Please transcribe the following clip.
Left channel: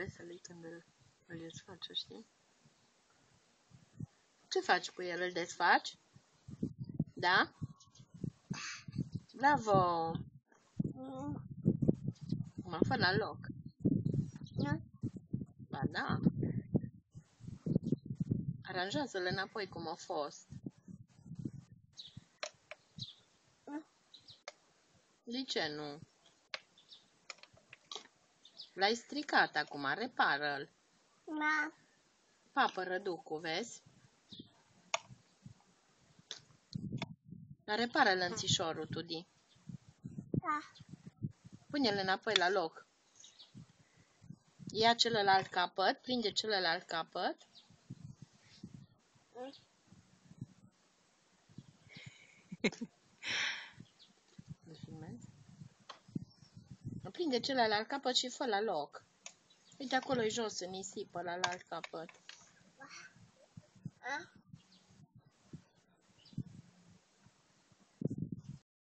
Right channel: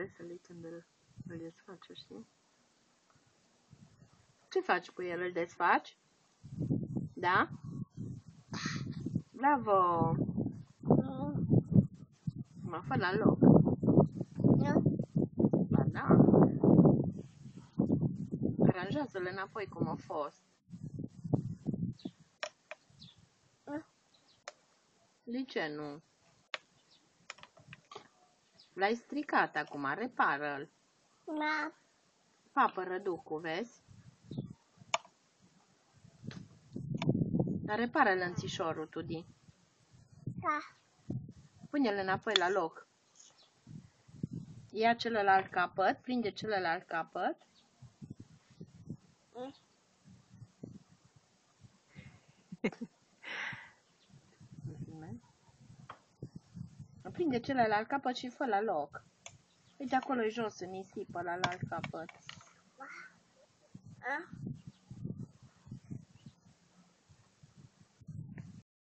Vrei să-l iei când îl desfaci, știi? Ce faci cu el? Îl desfaci? Da? Bravo! Mă fă la loc. Ba da. Aranjează-l înapoi cum a fost. De ce nu? L-ai stricat acum, repară-l. Da. Papă răducul, vezi? Dar repară lănțișorul, Tudi. Da. Pune-l înapoi la loc. Ia celălalt capăt, prinde celălalt capăt. Prinde celălalt capăt și fă la loc. Uite, acolo e jos, în nisipă, la alt capăt.